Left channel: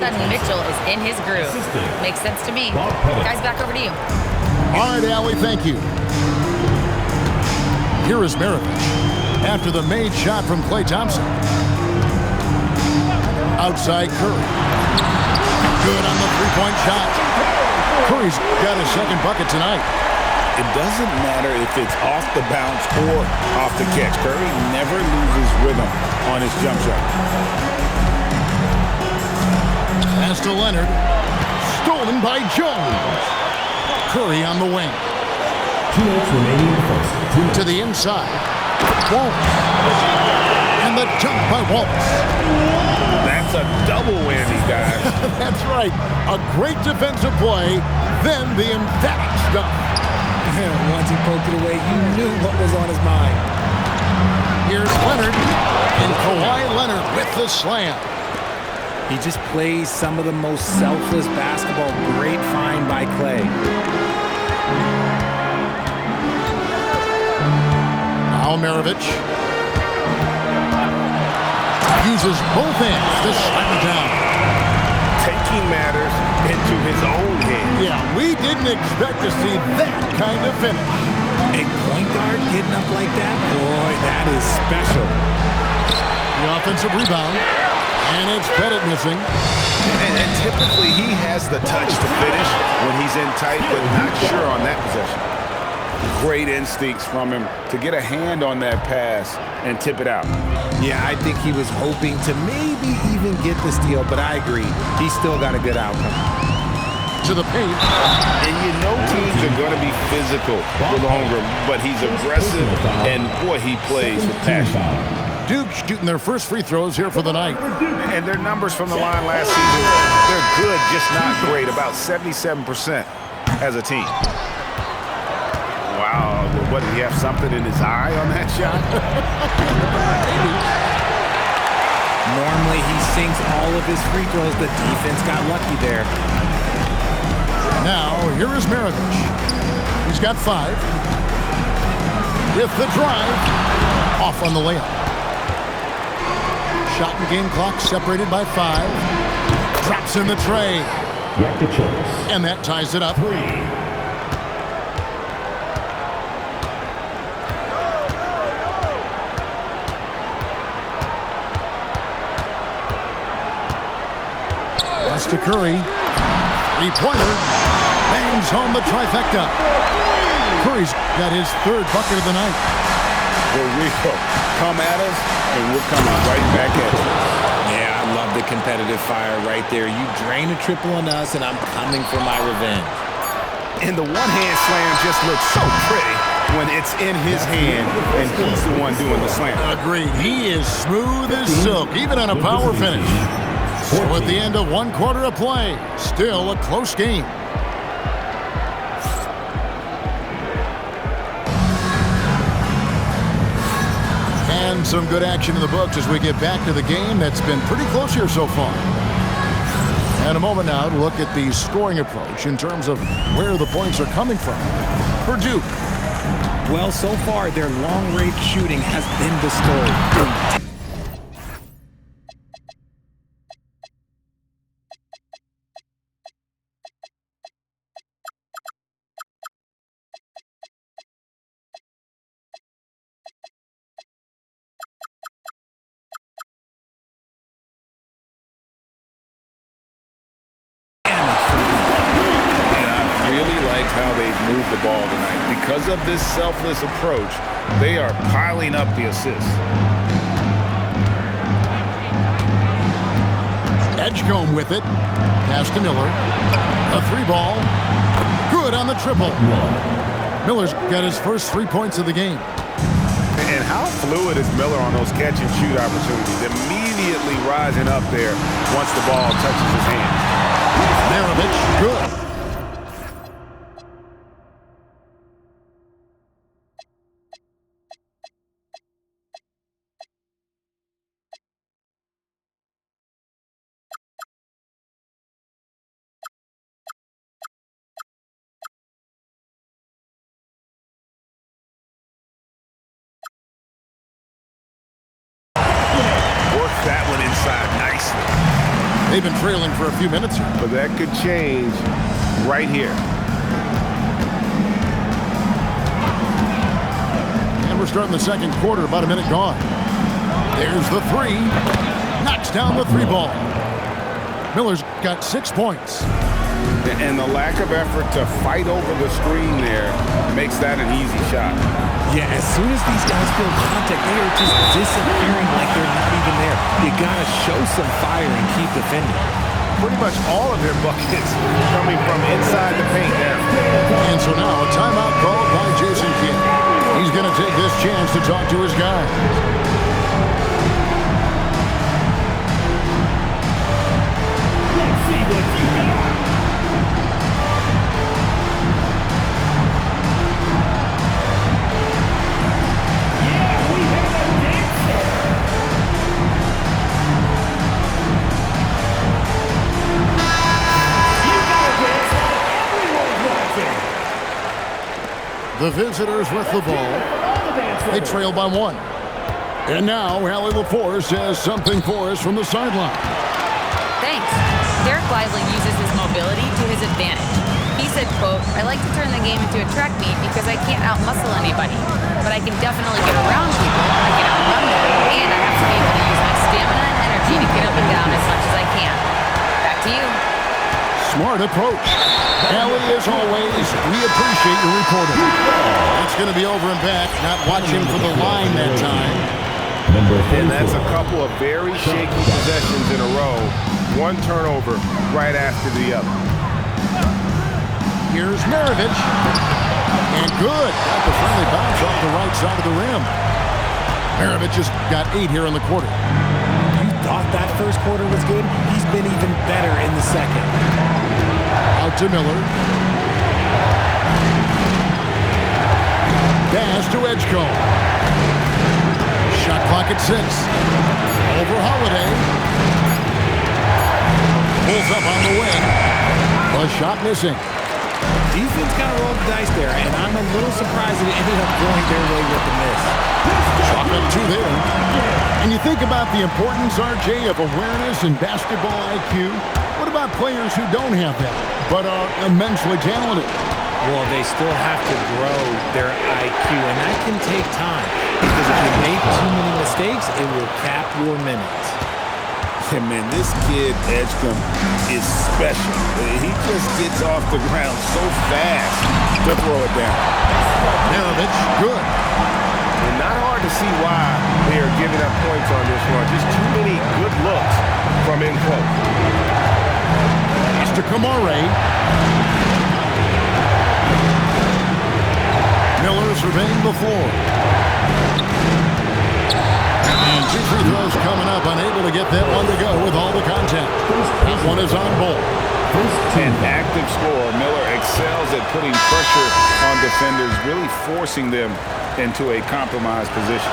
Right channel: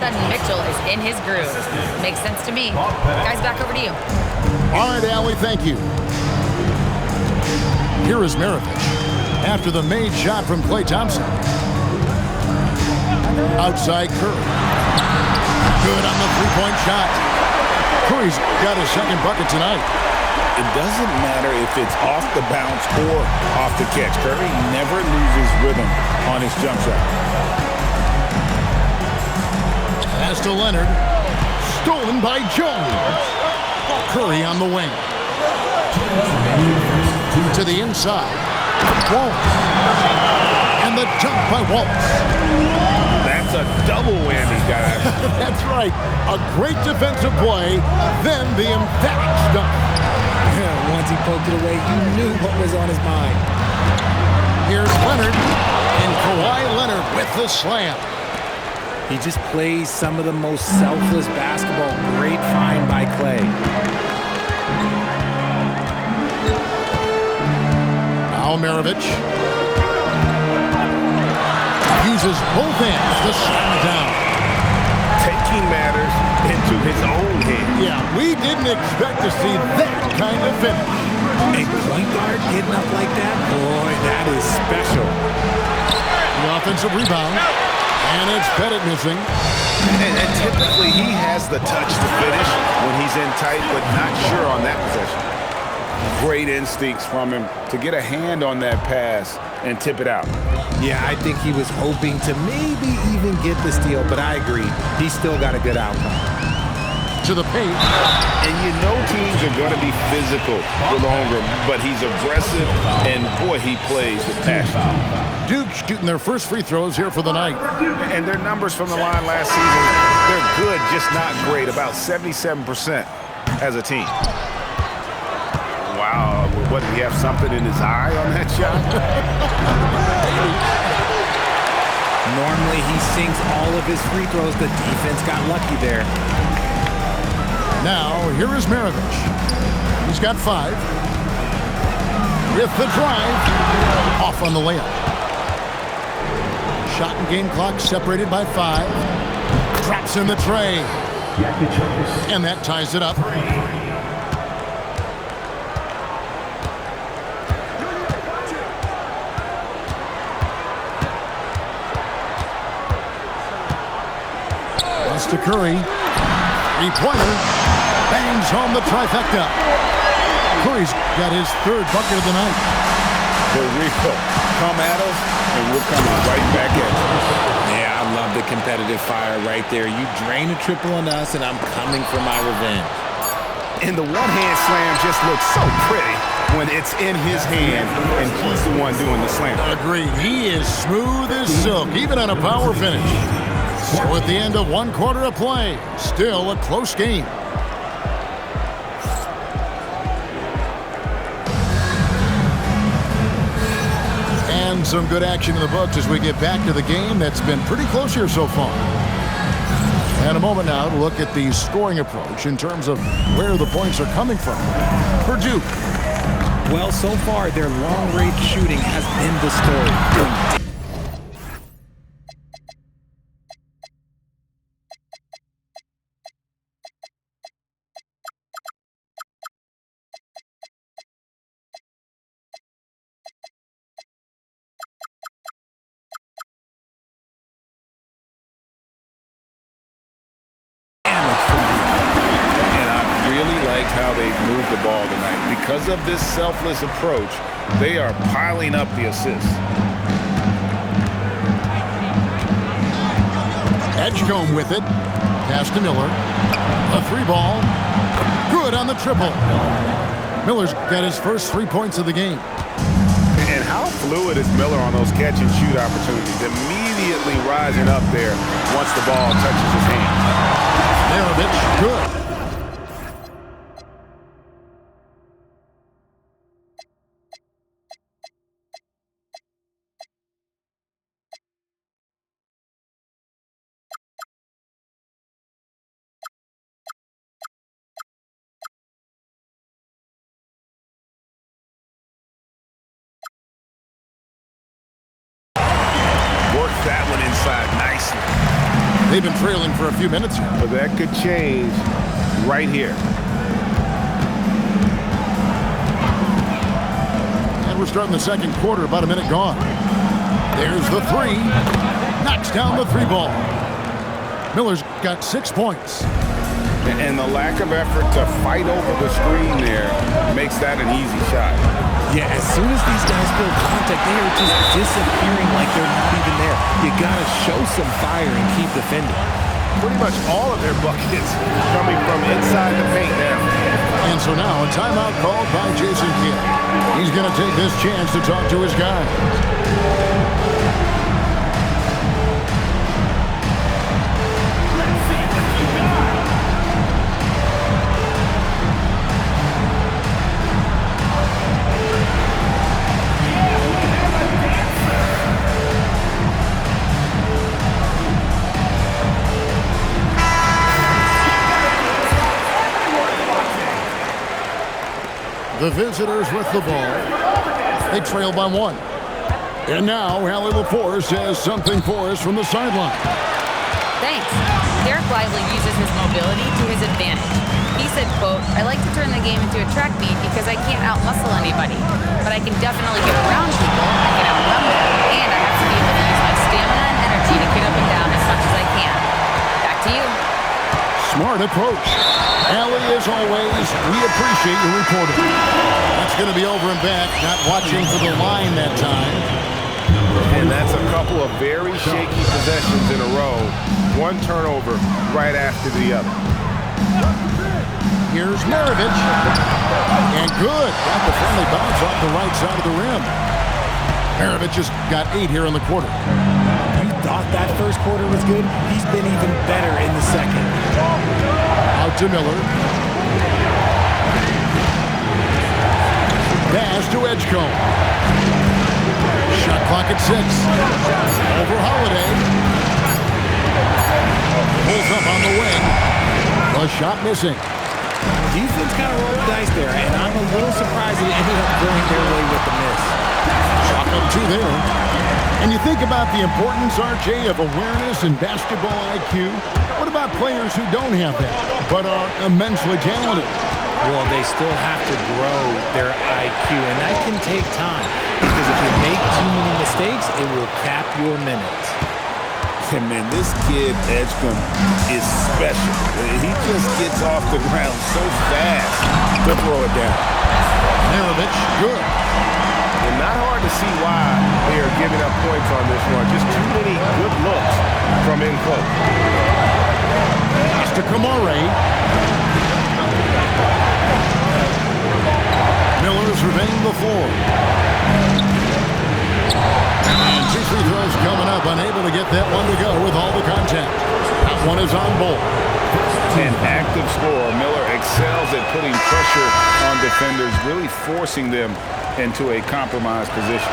Sudden Mitchell is in his groove. Makes sense to me. Guys, back over to you. All right, Allie, thank you. Here is Maravich after the made shot from Klay Thompson. Outside Curry. Good on the three-point shot. Curry's got his second bucket tonight. It doesn't matter if it's off the bounce or off the catch. Curry never loses rhythm on his jump shot. Pass to Leonard. Stolen by Jones. Curry on the wing. 2 minutes remaining in the first. To the inside. Wallace. And the jump by Wallace. That's a double whammy, guys. That's right. A great defensive play, then the emphatic stuff. Once he poked it away, you knew what was on his mind. Here's Leonard, and Kawhi Leonard with the slam. He just plays some of the most selfless basketball. Great find by Klay. Now Maravich uses both hands to slam it down. Taking matters into his own hands. Yeah, we didn't expect to see that kind of finish. A point guard getting up like that? Boy, that is special. The offensive rebound, and it's Pettit missing. And typically he has the touch to finish when he's in tight, but not sure on that possession. Great instincts from him to get a hand on that pass and tip it out. Yeah, I think he was hoping to maybe even get the steal, but I agree. He still got a good outcome. To the paint. And you know teams are going to be physical with Holmgren, but he's aggressive, and boy, he plays with passion. Duke shooting their first free throws here for the night. And their numbers from the line last season, they're good, just not great, about 77% as a team. Wow, what, did he have something in his eye on that shot? Normally he sinks all of his free throws. The defense got lucky there. Now, here is Maravich. He's got 5. With the drive. Off on the layup. Shot and game clock separated by 5. Drops in the tray. And that ties it up. 3. To Curry. Three-pointer. Bangs home the trifecta. Curry's got his 3rd bucket of the night. The real. Come at us, and we're coming right back at you. Yeah, I love the competitive fire right there. You drain a triple on us, and I'm coming for my revenge. And the one-hand slam just looks so pretty when it's in his hand, and he's the one doing the slam. Agreed. He is smooth as silk, even on a power finish. So at the end of 1 quarter of play, still a close game. And some good action in the books as we get back to the game that's been pretty close here so far. And a moment now to look at the scoring approach in terms of where the points are coming from. For Duke. Well, so far, their long-range shooting has been the story. How they've moved the ball tonight. Because of this selfless approach, they are piling up the assists. Edgecombe with it. Pass to Miller. A 3-ball. Good on the triple. Miller's got his first 3 points of the game. And how fluid is Miller on those catch-and-shoot opportunities? Immediately rising up there once the ball touches his hand. Maravich, good. Worked that one inside nicely. They've been trailing for a few minutes here. But that could change right here. And we're starting the second quarter, about a minute gone. There's the three. Knocks down the three ball. Miller's got 6 points. And the lack of effort to fight over the screen there makes that an easy shot. Yeah, as soon as these guys feel contact, they are just disappearing like they're not even there. You got to show some fire and keep defending. Pretty much all of their buckets coming from inside the paint now. And so now a timeout called by Jason Kidd. He's going to take this chance to talk to his guys. The visitors with the ball. They trail by 1. And now Allie LaForce has something for us from the sideline. Thanks. Derek Lively uses his mobility to his advantage. He said, quote, "I like to turn the game into a track meet because I can't out-muscle anybody. But I can definitely get around people, I can outrun them, and I have to be able to use my stamina and energy to get up and down as much as I can." Back to you. Smart approach. Allie, as always, we appreciate your reporting. That's going to be over and back, not watching for the line that time. And that's a couple of very shaky possessions in a row. One turnover right after the other. Here's Maravich. And good. Got the friendly bounce off the right side of the rim. Maravich has got 8 here in the quarter. You thought that first quarter was good? He's been even better in the second. Out to Miller. Pass to Edgecombe. Shot clock at 6. Over Holiday. Pulls up on the wing. The shot missing. Defense kind of rolled the dice there, and I'm a little surprised it ended up going their way with the miss. Chalk up 2 there. And you think about the importance, RJ, of awareness and basketball IQ. What about players who don't have that, but are immensely talented? Well, they still have to grow their IQ, and that can take time. Because if you make too many mistakes, it will cap your minutes. And man, this kid, Edgecombe, is special. He just gets off the ground so fast to throw it down. Maravich, good. And not hard to see why they are giving up points on this run. Just too many good looks from in close. Pass to Kamare. Miller surveying the floor. And 2 free throws coming up. Unable to get that one to go with all the contact. That one is on Bolt. An active scorer. Miller excels at putting pressure on defenders, really forcing them into a compromised position.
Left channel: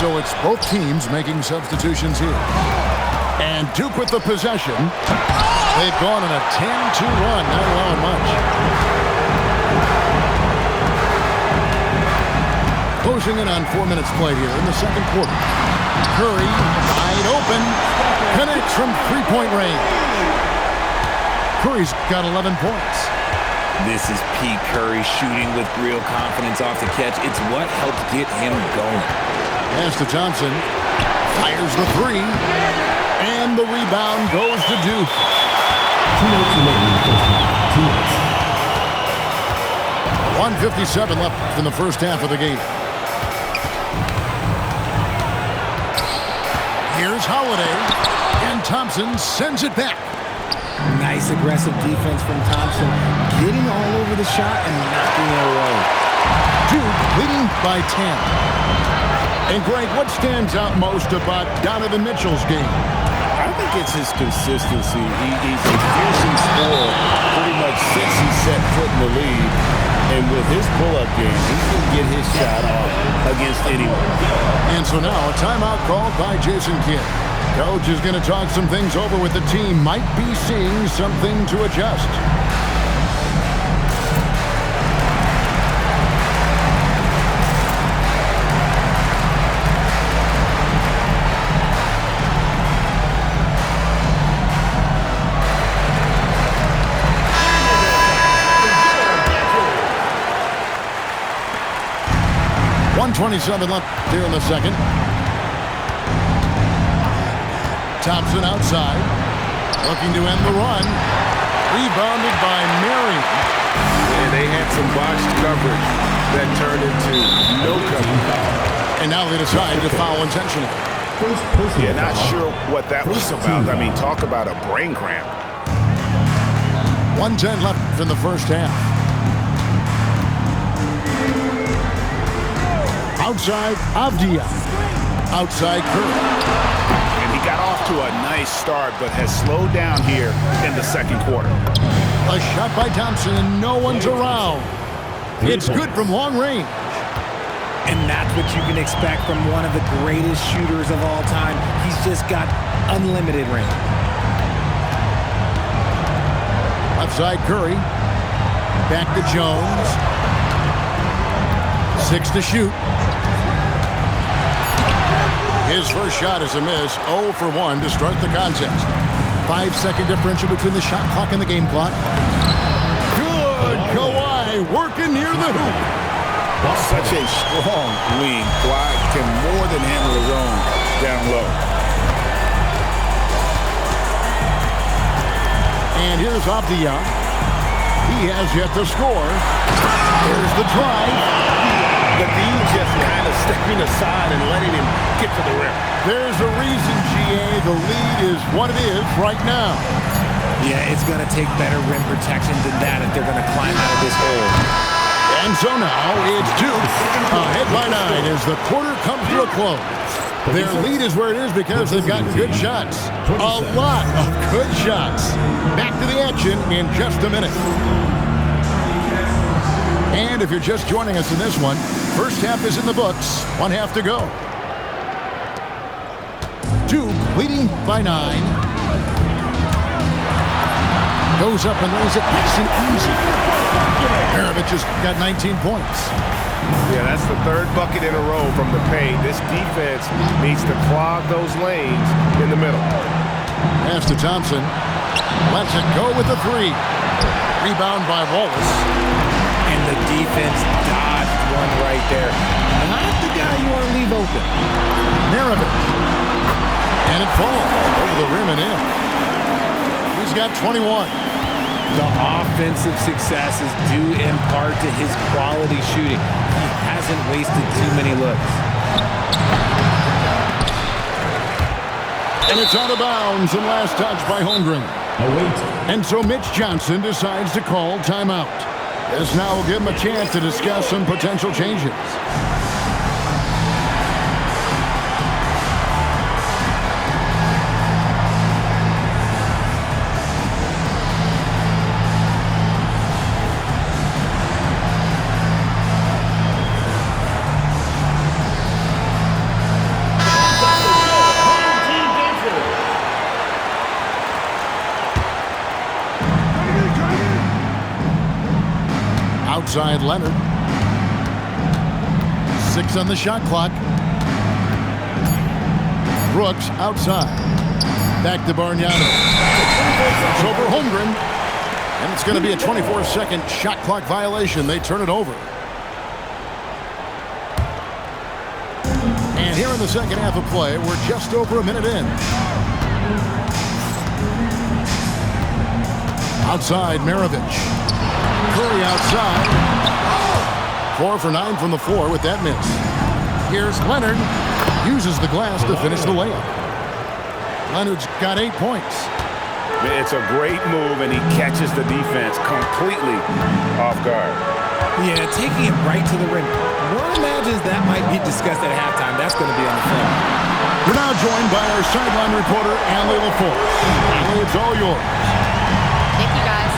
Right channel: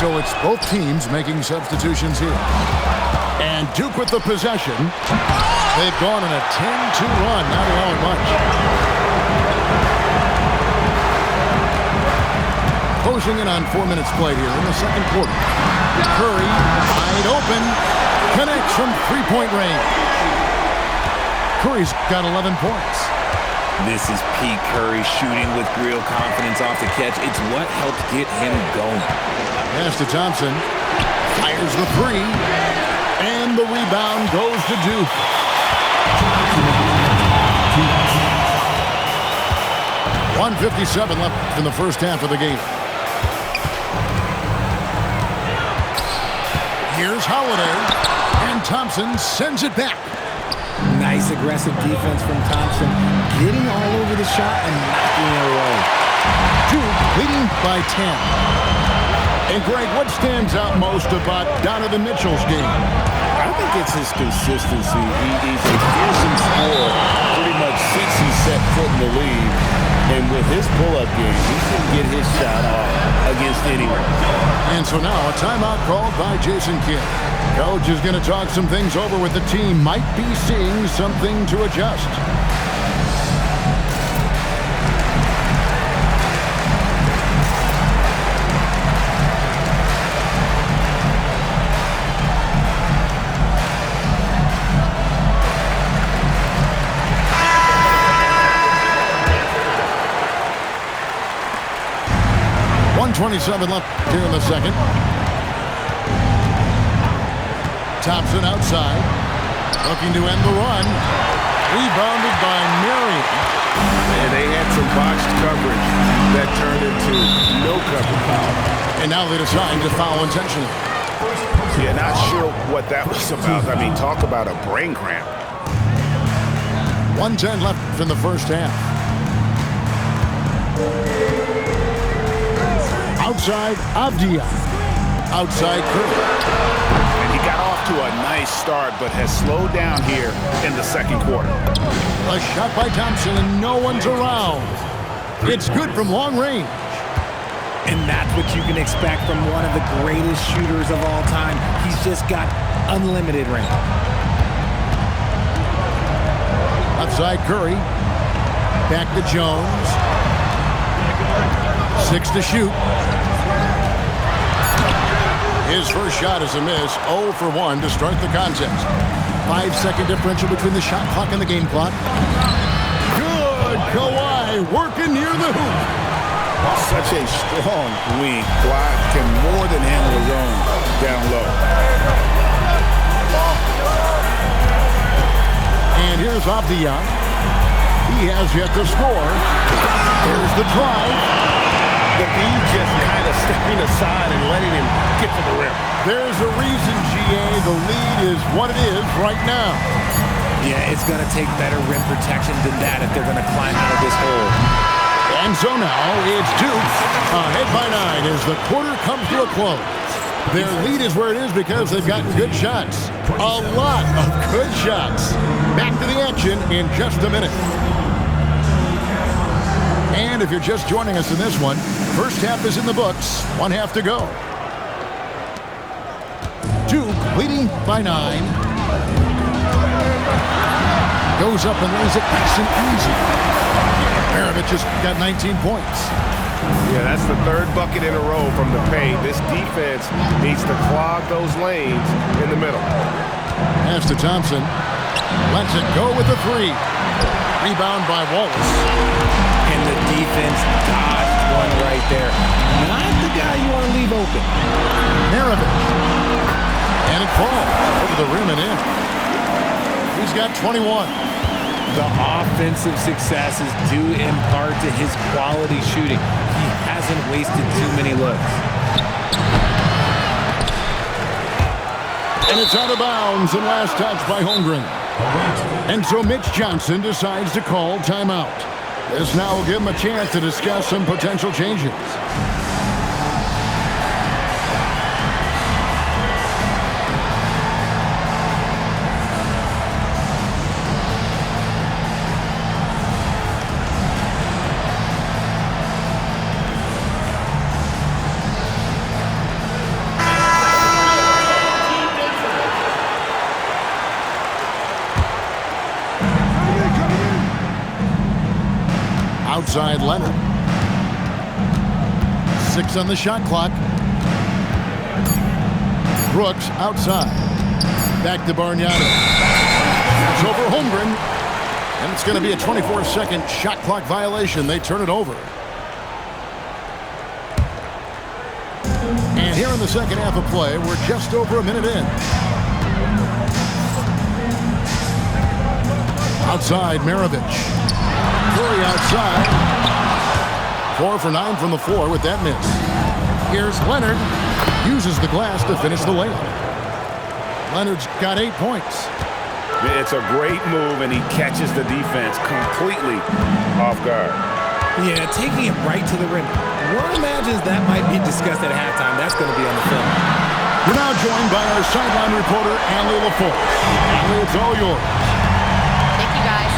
So it's both teams making substitutions here. And Duke with the possession. They've gone on a 10-2 run, not allowing much. Closing in on 4 minutes played here in the second quarter. Curry, wide open, connects from three-point range. Curry's got 11 points. This is Pete Curry shooting with real confidence off the catch. It's what helps get him going. Pass to Thompson. Fires the 3. And the rebound goes to Duke. 1:57 left in the first half of the game. Here's Holiday. And Thompson sends it back. Nice aggressive defense from Thompson, getting all over the shot and knocking it away. Duke leading by 10. And Greg, what stands out most about Donovan Mitchell's game? I think it's his consistency. He's a fearsome scorer pretty much since he set foot in the league. And with his pull-up game, he can get his shot off against anyone. And so now a timeout called by Jason Kidd. Coach is going to talk some things over with the team. Might be seeing something to adjust. 1:27 left here in the second. Thompson outside, looking to end the run. Rebounded by Marion. And they had some botched coverage that turned into no coverage. And now they decide to foul intentionally. Yeah, not sure what that was about. I mean, talk about a brain cramp. 1:10 left in the first half. Outside Avdia. Outside Curry. And he got off to a nice start, but has slowed down here in the second quarter. A shot by Thompson, and no one's around. It's good from long range. And that's what you can expect from one of the greatest shooters of all time. He's just got unlimited range. Outside Curry. Back to Jones. 6 to shoot. His first shot is a miss. 0 for 1 to start the contest. 5-second differential between the shot clock and the game clock. Good. Kawhi working near the hoop. Such a strong wing. Kawhi can more than handle his own down low. And here's Avdia. He has yet to score. Here's the drive. The D just kind of stepping aside and letting him get to the rim. There's a reason, GA. The lead is what it is right now. Yeah, it's going to take better rim protection than that if they're going to climb out of this hole. And so now it's Duke ahead by 9 as the quarter comes to a close. Their lead is where it is because they've gotten good shots. A lot of good shots. Back to the action in just a minute. And if you're just joining us in this one, first half is in the books. 1 half to go. Duke leading by 9. Goes up and lays it nice and easy. Maravich has got 19 points. Yeah, that's the third bucket in a row from the paint. This defense needs to clog those lanes in the middle. Pass to Thompson. Lets it go with the 3. Rebound by Wallace. And the defense dodged one right there. Not the guy you want to leave open. Maravich. And it falls over the rim and in. He's got 21. The offensive success is due in part to his quality shooting. He hasn't wasted too many looks. And it's out of bounds and last touch by Holmgren. And so Mitch Johnson decides to call timeout. This now will give him a chance to discuss some potential changes. Outside Leonard. 6 on the shot clock. Brooks outside. Back to Bargnano. It's over Holmgren. And it's going to be a 24-second shot clock violation. They turn it over. And here in the second half of play, we're just over a minute in. Outside Maravich. Curry outside. 4 for 9 from the floor with that miss. Here's Leonard. Uses the glass to finish the layup. Leonard's got 8 points. It's a great move, and he catches the defense completely off guard. Yeah, taking it right to the rim. One imagines that might be discussed at halftime. That's going to be on the film. We're now joined by our sideline reporter, Allie LaForce. Allie, it's all yours. Thank you, guys.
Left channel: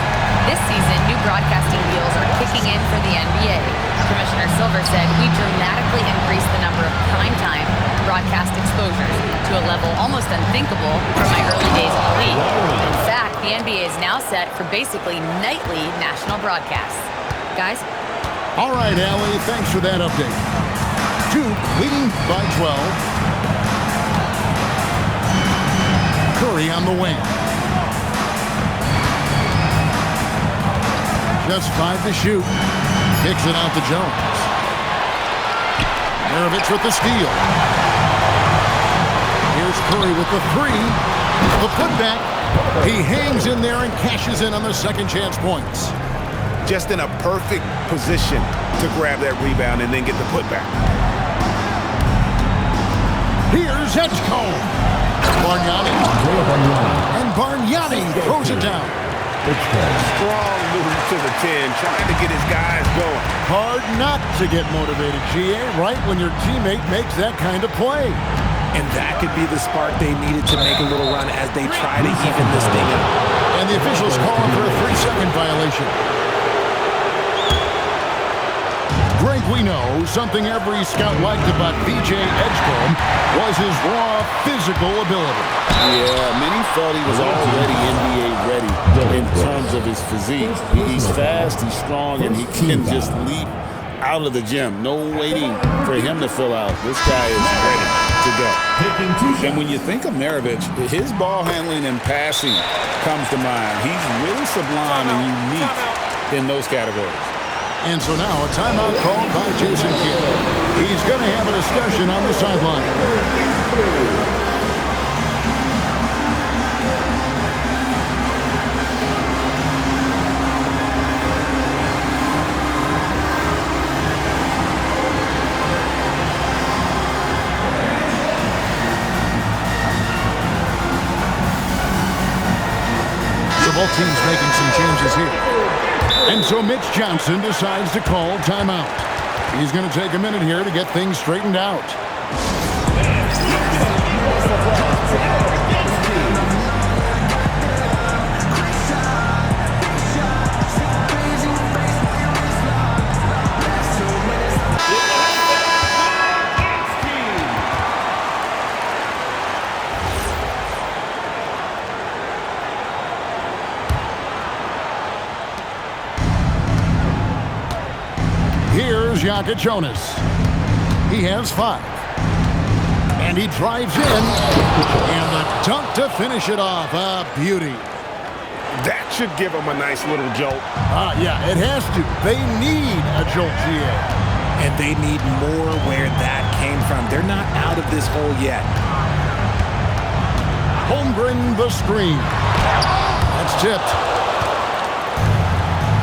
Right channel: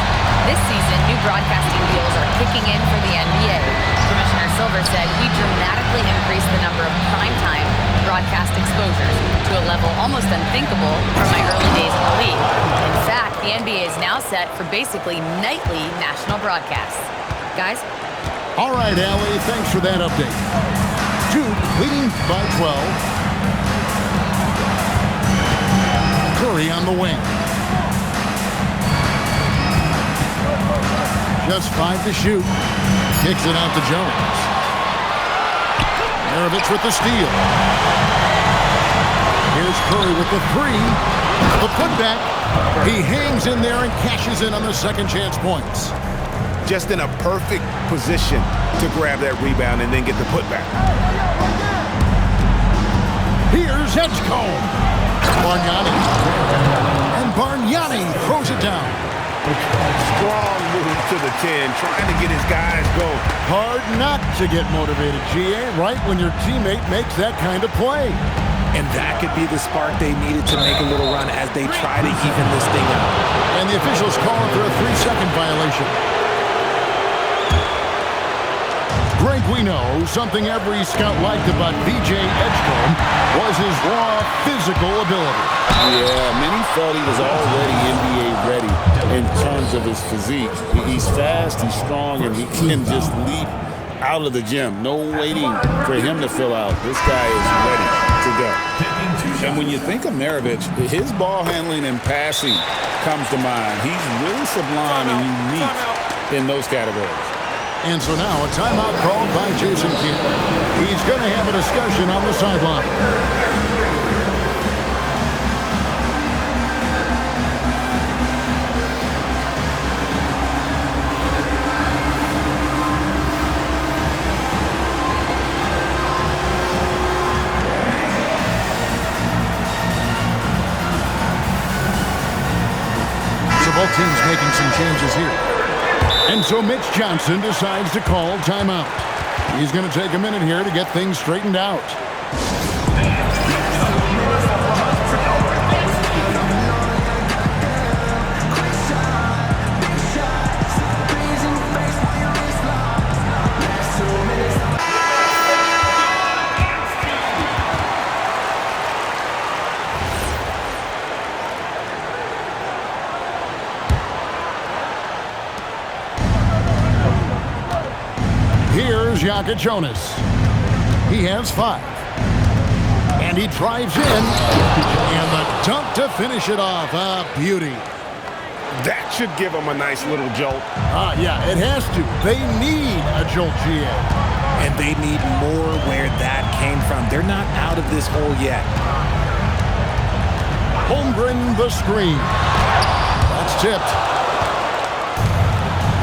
This season, new broadcasting deals are kicking in for the NBA. Commissioner Silver said we dramatically increased the number of primetime broadcast exposures to a level almost unthinkable from my early days in the league. In fact, the NBA is now set for basically nightly national broadcasts. Guys? All right, Allie, thanks for that update. Duke leading by 12. Curry on the wing. Just 5 to shoot. Kicks it out to Jones. Maravich with the steal. Here's Curry with the three. The putback. He hangs in there and cashes in on the second chance points. Just in a perfect position to grab that rebound and then get the putback. Here's Edgecombe. Bargnani. And Bargnani throws it down. Strong move to the 10, trying to get his guys going. Hard not to get motivated, GA, right when your teammate makes that kind of play. And that could be the spark they needed to make a little run as they try to even this thing up. And the officials calling for a 3-second violation. Greg, we know something every scout liked about VJ Edgecombe was his raw physical ability. Yeah, many felt he was already NBA ready in terms of his physique. He's fast, he's strong, and he can just leap out of the gym. No waiting for him to fill out. This guy is ready to go. And when you think of Maravich, his ball handling and passing comes to mind. He's really sublime and unique in those categories. And so now a timeout called by Jason Kidd. He's going to have a discussion on the sideline. So both teams making some changes here. And so Mitch Johnson decides to call timeout. He's going to take a minute here to get things straightened out. Here's Jaka Jonas. He has 5. And he drives in. And the dunk to finish it off. A beauty. That should give him a nice little jolt. Yeah, it has to. They need a jolt, GA. And they need more where that came from. They're not out of this hole yet. Holmgren the screen. That's tipped.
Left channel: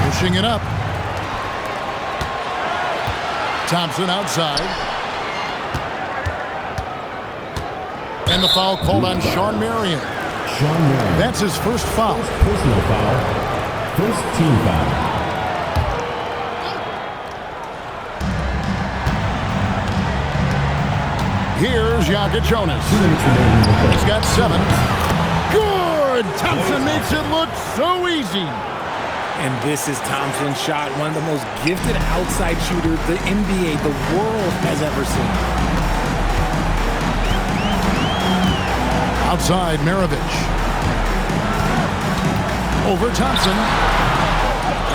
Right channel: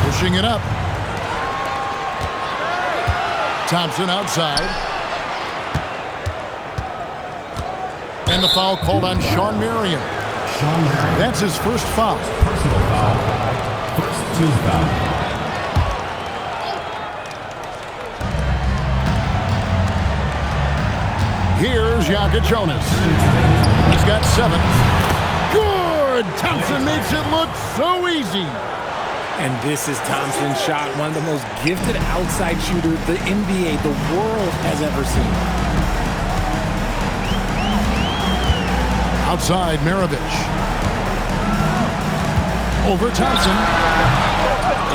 Pushing it up. Thompson outside. And the foul called on Shawn Marion. That's his first foul. Personal foul. First team foul. Here's Jaka Jonas. He's got 7. Good! Thompson makes it look so easy. And this is Thompson's shot, one of the most gifted outside shooters the NBA, the world has ever seen. Outside, Maravich. Over Thompson.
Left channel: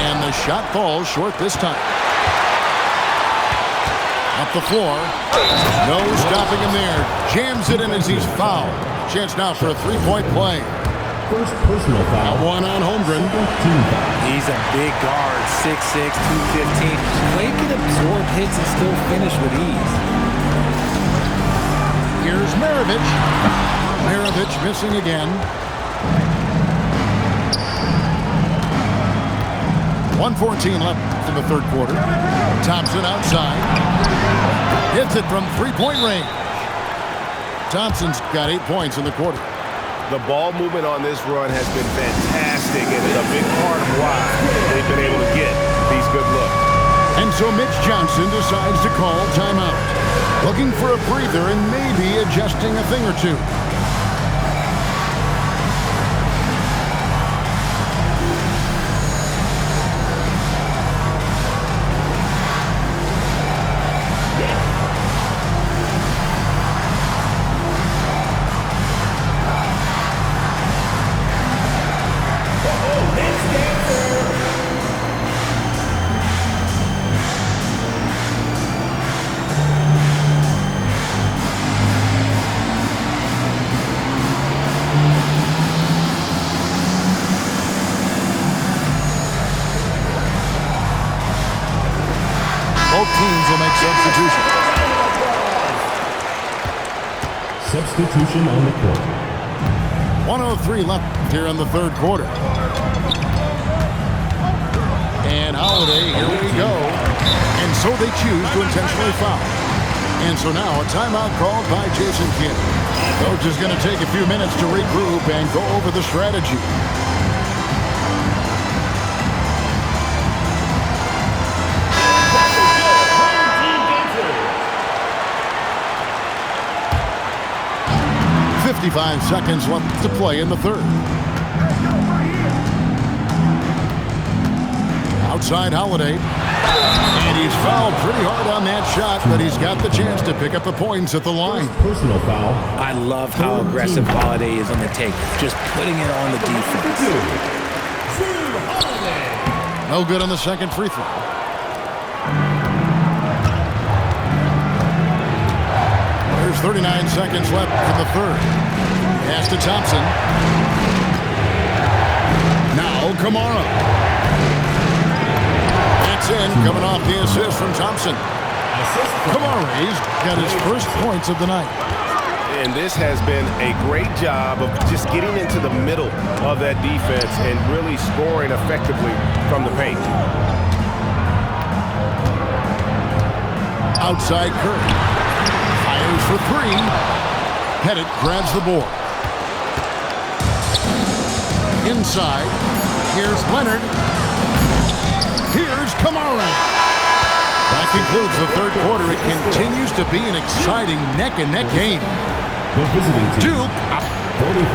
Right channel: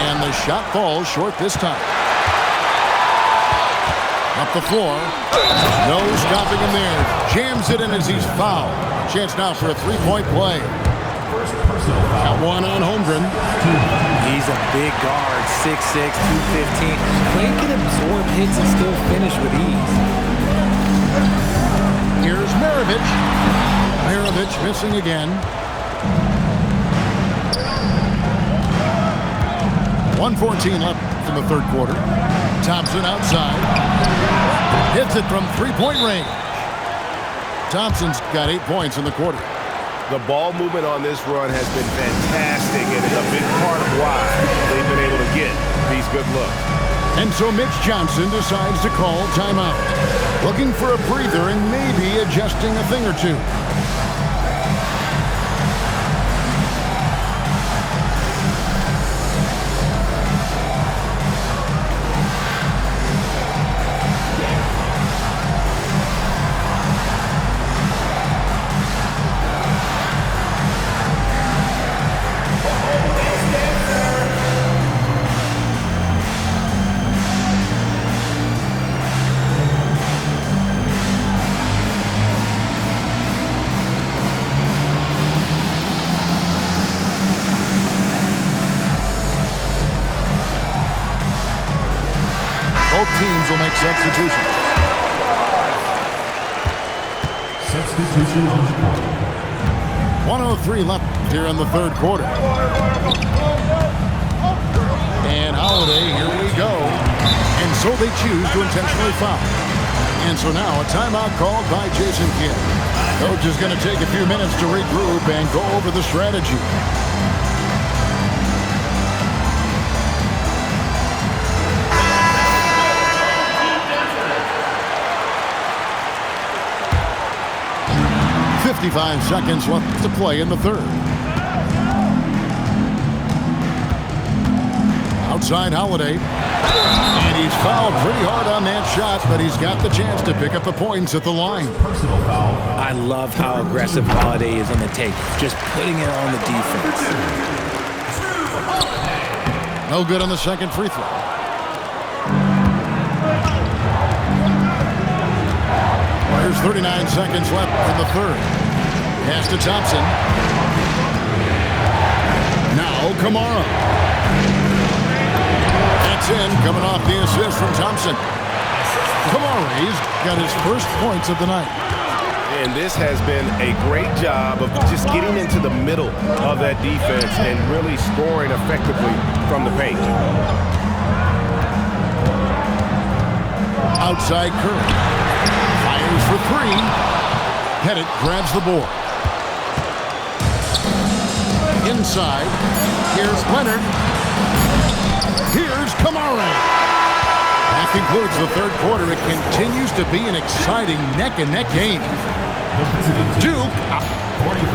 And the shot falls short this time. Up the floor. No stopping him there. Jams it in as he's fouled. A chance now for a 3-point play. First personal foul. Got one on Holmgren. He's a big guard, 6'6", 215. Clay can absorb hits and still finish with ease. Here's Maravich. Maravich missing again. 1:14 left in the third quarter. Thompson outside. Hits it from 3-point range. Thompson's got 8 points in the quarter. The ball movement on this run has been fantastic and is a big part of why they've been able to get these good looks. And so Mitch Johnson decides to call timeout. Looking for a breather and maybe adjusting a thing or two. Both teams will make substitutions. Substitution on the court. 1:03 left here in the third quarter. And Holiday, here we go. And so they choose to intentionally foul. And so now a timeout called by Jason Kidd. Coach is going to take a few minutes to regroup and go over the strategy. "55 seconds left to play in the third. Outside Holiday. And he's fouled pretty hard on that shot, but he's got the chance to pick up the points at the line. Personal foul. I love how aggressive Holiday is on the take, just putting it on the defense. No good on the second free throw. There's 39 seconds left in the third. Pass to Thompson. Now Kamara. It's in, coming off the assist from Thompson. Kamara's got his first points of the night. And this has been a great job of just getting into the middle of that defense and really scoring effectively from the paint. Outside Curry. Fires for three. Pettit grabs the board. Inside. Here's Leonard. Here's Kamara. That concludes the third quarter. It continues to be an exciting neck-and-neck game. The visiting team. Duke. 45.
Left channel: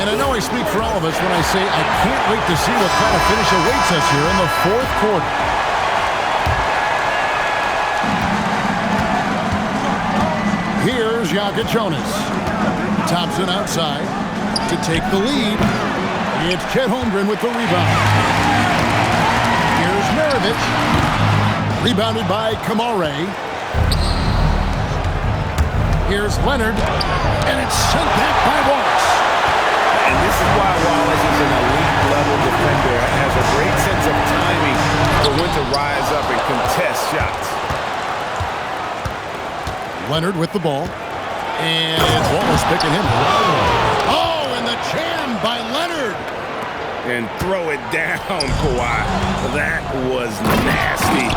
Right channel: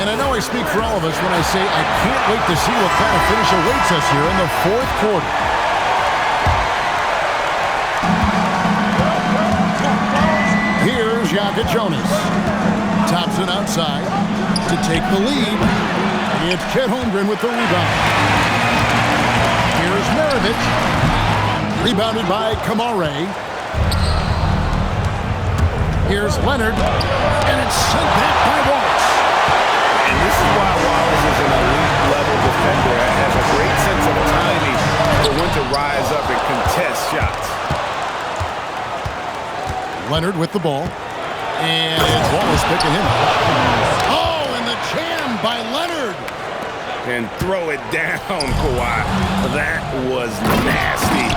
And I know I speak for all of us when I say I can't wait to see what kind of finish awaits us here in the fourth quarter. Here's Jaka Jonas. Thompson outside to take the lead. It's Chet Holmgren with the rebound. Here's Maravich. Rebounded by Kamara. Here's Leonard. And it's sent back by Wallace. And this is why Wallace is an elite-level defender. Has a great sense of timing for when to rise up and contest shots. Leonard with the ball. And it's Wallace picking him up. Oh, and the jam by Leonard. And throw it down, Kawhi. That was nasty.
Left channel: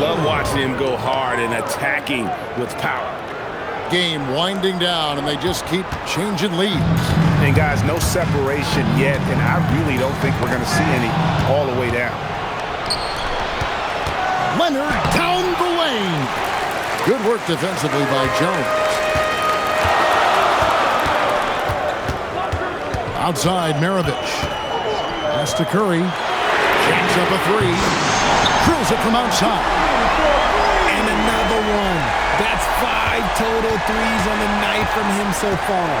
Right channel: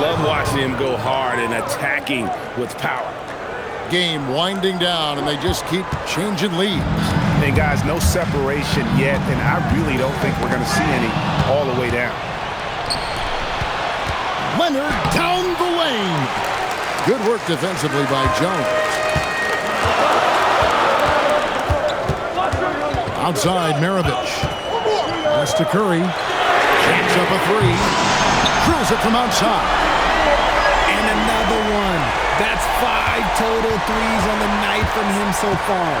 Love watching him go hard and attacking with power. Game winding down, and they just keep changing leads. And guys, no separation yet, and I really don't think we're going to see any all the way down. Leonard down the lane. Good work defensively by Jones. Outside Maravich. Pass to Curry. Jacks up a three. Drills it from outside. And another one. That's 5 total threes on the night from him so far.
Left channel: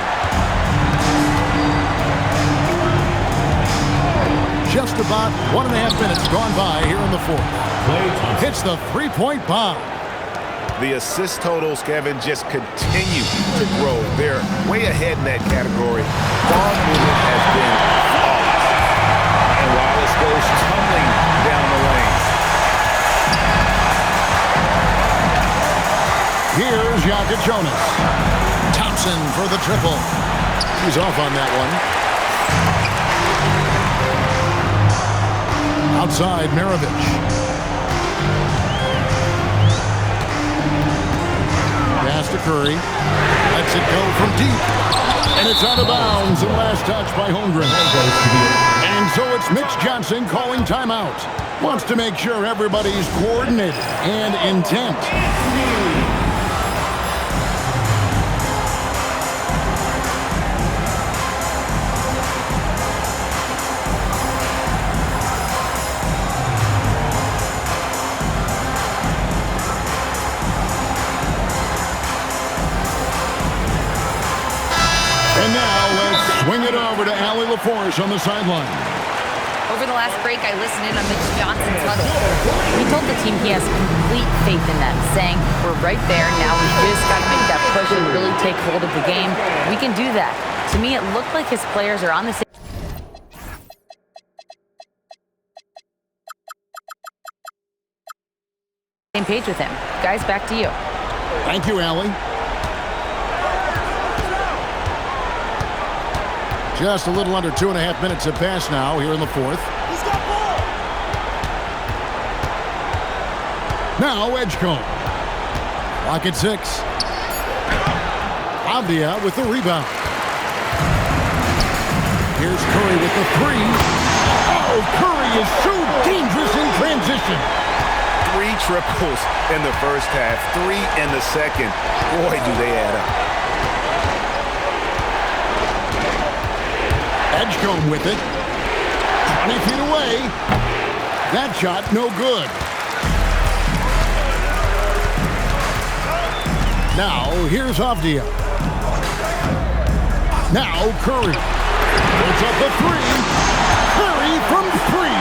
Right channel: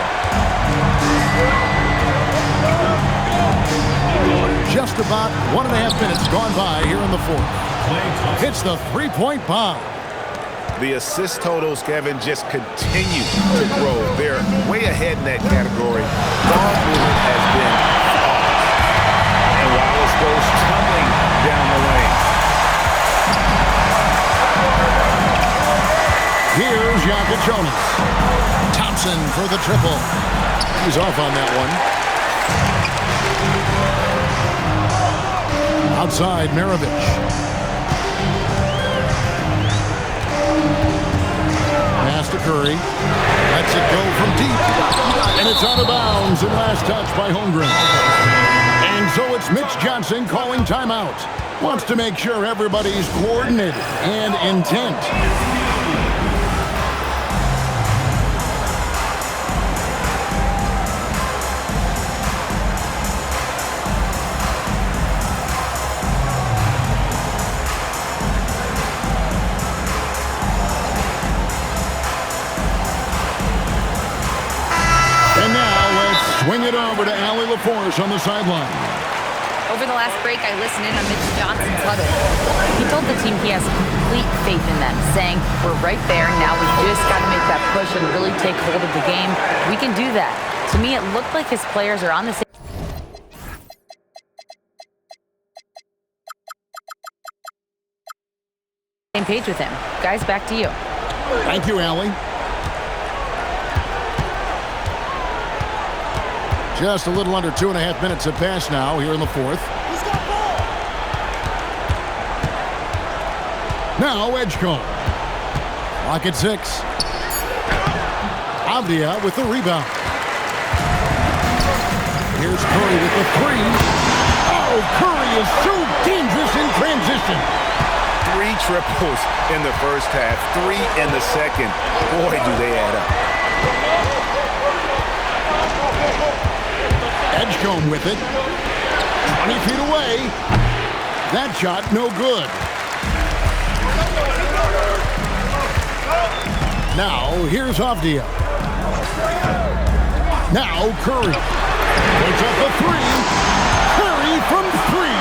Just about 1.5 minutes gone by here in the fourth. Hits the three-point bomb. The assist totals, Kevin, just continue to grow. They're way ahead in that category. Ball movement has been flawless. And Wallace goes tumbling down the lane. Here's Jaka Jonas. Thompson for the triple. He's off on that one. Outside Maravich. Pass to Curry. Lets it go from deep. And it's out of bounds and last touch by Holmgren. And so it's Mitch Johnson calling timeout. Wants to make sure everybody's coordinated and intent. And now let's swing it over to Allie LaForce on the sideline. Over the last break, I listened in on Mitch Johnson's huddle. He told the team he has complete faith in them, saying, "We're right there. Now we just got to make that push and really take hold of the game. We can do that." To me, it looked like his players are on the same Same page with him. Guys, back to you. Thank you, Allie. Just a little under 2.5 minutes have passed now here in the fourth. He's got ball. Now Edgecombe. Clock at 6. Avdia with the rebound. Here's Curry with the 3. Oh, Curry is so dangerous in transition. 3 triples in the first half, 3 in the second. Boy, do they add up. Edgecombe with it. 20 feet away. That shot no good. Now here's Avdia. Now Curry. Puts up the 3. Curry from 3.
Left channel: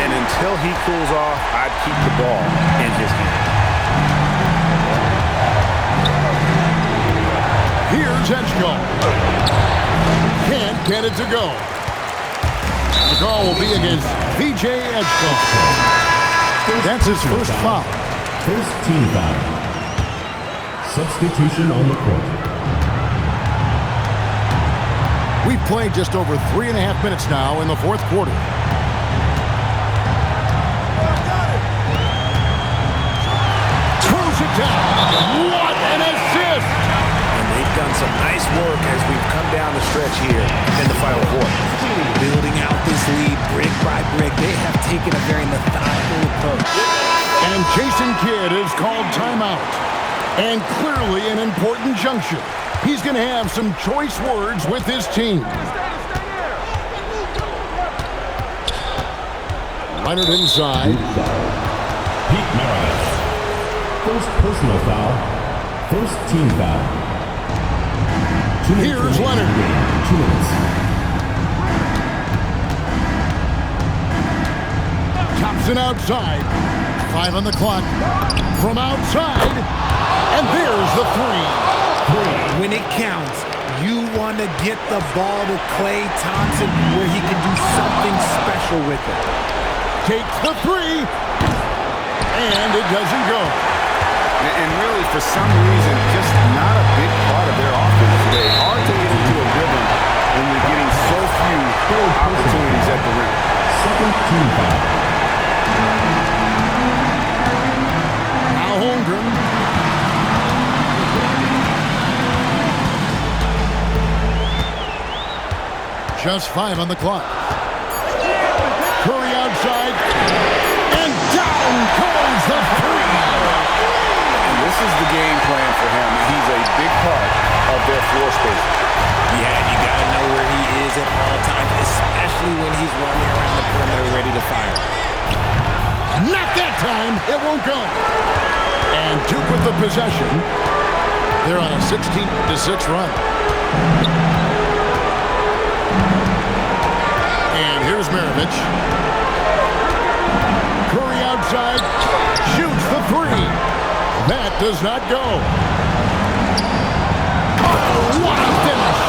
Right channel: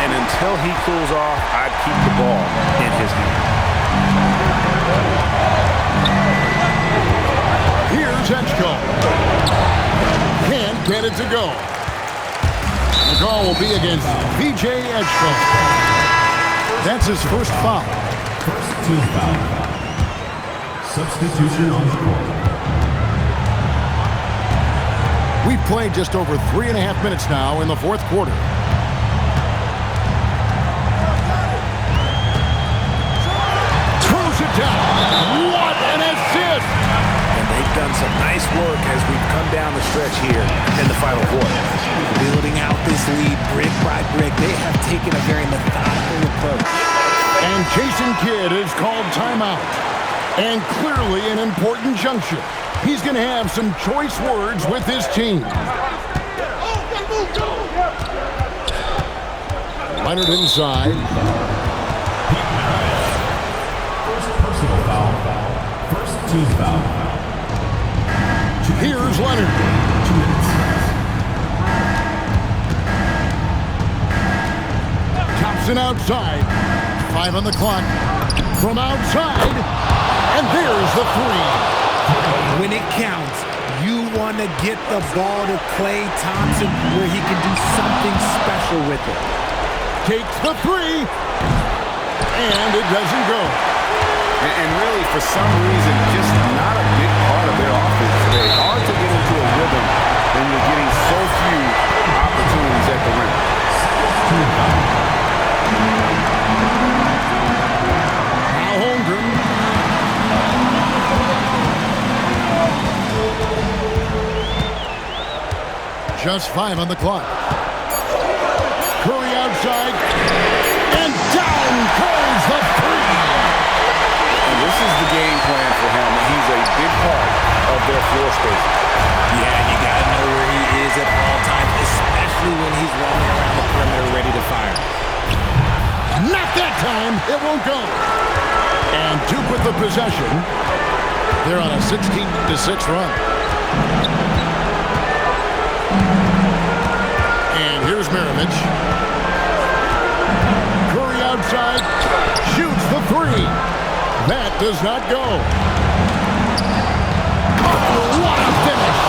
And until he cools off, I'd keep the ball in his hand. Here's Edgecombe. Can't get it to go. The call will be against VJ Edgecombe. That's his first foul. First team foul. Substitution on the court. We've played just over 3.5 minutes now in the fourth quarter. Throws it down. What an assist! And they've done some nice work as we've come down the stretch here in the final quarter. Building out this lead brick by brick. They have taken a very methodical approach. And Jason Kidd is called timeout. And clearly an important juncture. He's going to have some choice words with his team. Leonard inside. Pete Maravich. First personal foul. First team foul. Here's Leonard. 2 minutes. Thompson outside. 5 on the clock. From outside. And there's the 3. When it counts, you want to get the ball to Klay Thompson where he can do something special with it. Takes the 3. And it doesn't go. And really, for some reason, just not a big part of their offense today. Hard to get into a rhythm when you're getting so few opportunities at the rim. Second team foul. Now Holmgren. Just 5 on the clock. Curry outside. And down goes the 3. And this is the game plan for him. He's a big part of their floor spacing. Yeah, you got to know where he is at all times, especially when he's roaming around the perimeter ready to fire. Not that time. It won't go. And Duke with the possession. They're on a 16-6 run. And here's Maravich. Curry outside. Shoots the 3. That does not go. Oh, what a finish.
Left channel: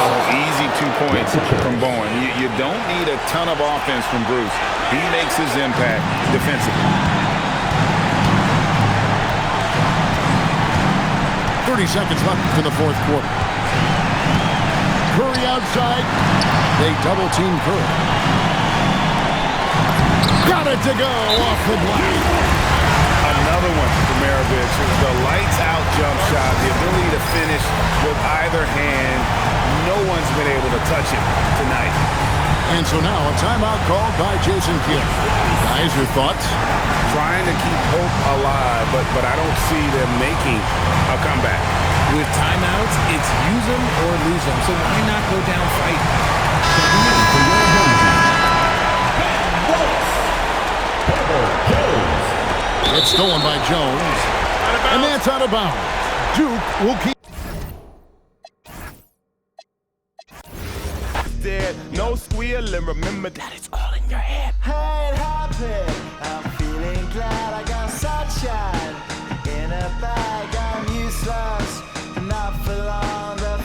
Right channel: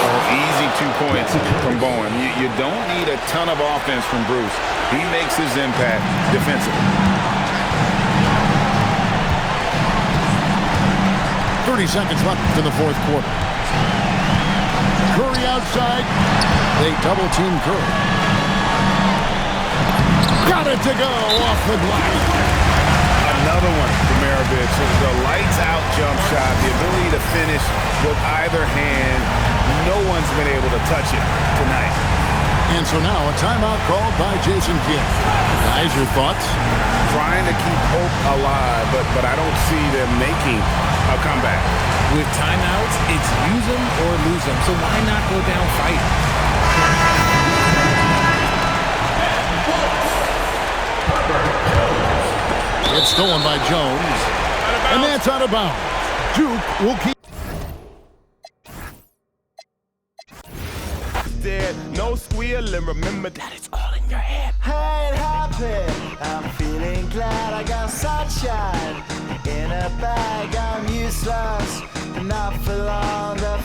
Oh, easy 2 points from Bowen. You don't need a ton of offense from Bruce. He makes his impact defensively. 30 seconds left in the fourth quarter. Curry outside. They double team Curry. Got it to go off the glass. Another one for Maravich. The lights out jump shot, the ability to finish with either hand. No one's been able to touch it tonight. And so now a timeout called by Jason Kidd. Guys, your thoughts? Trying to keep hope alive, but I don't see them making a comeback. With timeouts, it's use them or lose them. So why not go down fighting? It's stolen by Jones. And that's out of bounds. Duke will keep. No squealing, remember that it's all in your head. I ain't happy, I'm feeling glad I got sunshine in a bag. I'm useless, not for long. The